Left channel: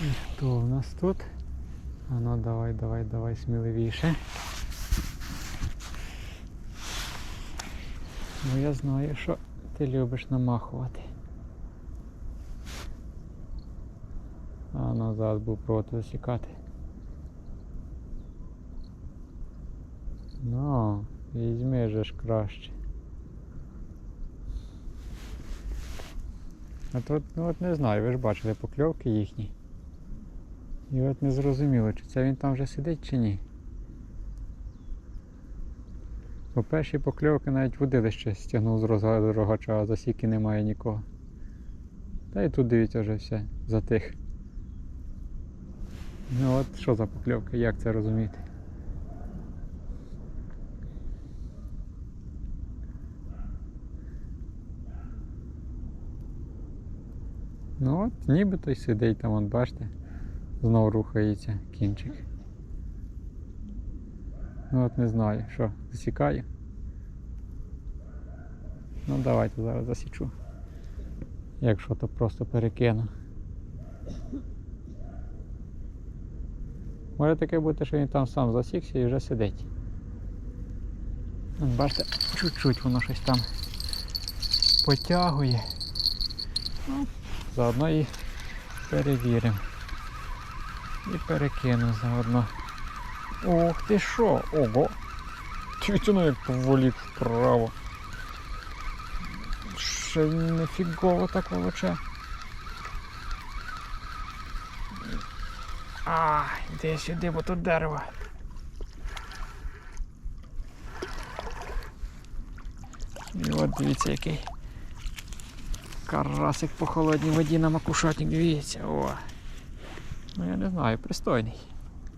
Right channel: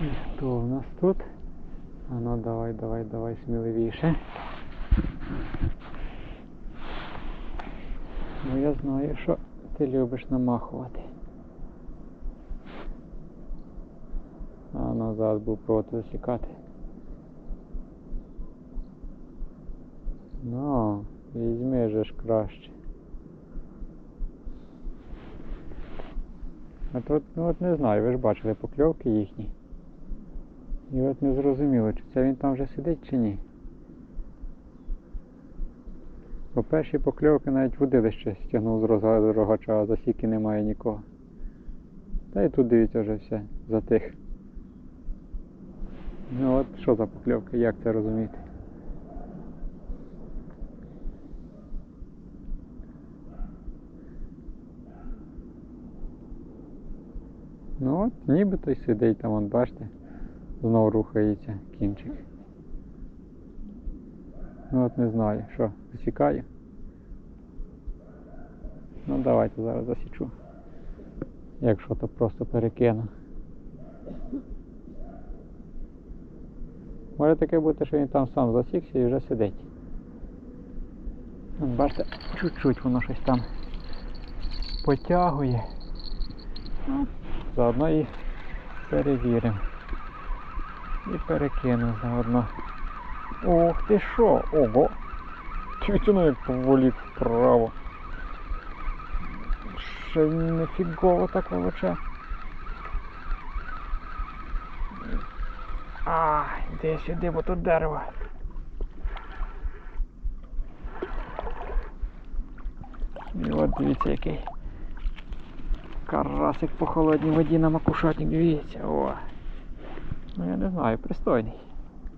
І хто у нас тут? А ну давай, давай, давай сміливіше. Ну я знаю, що ти любиш намахувати. А назад був проти засікати. Ну, візьми же ж краще. А тут, ну от не знаю, ви ж бачили покльовки їхні. І от не зрозуміло, чи це він там вже сидить чи ні. По першій покльовки навіть водилище стягнув з розга- рогача, а засіки немає нікого. Та і тут дивіться вже все затих. Ну от що за покльовка, як це розуміти? Ну от, нібито й сидить там, от бачите, знову рухається кінчик. Ну от не знаю, що, засікаю. Ну давайте зараз засічу. Якщо то просто перекину. Може таке бути, що він там сам засікся і вже сидить. Бачите, чуть-чуть воно щось там потягує. Ну, заодно і перевіримо. І перекину заодно. Ох ти що? Ого! Чуть воно як поволік вправо. Ще не фігово так волоче. А, йди сюди, бо тут дерево. І от дивіться який. Карасик по холодній воді на макушатник, дивіться, о. Ну я не знаю, пристойний.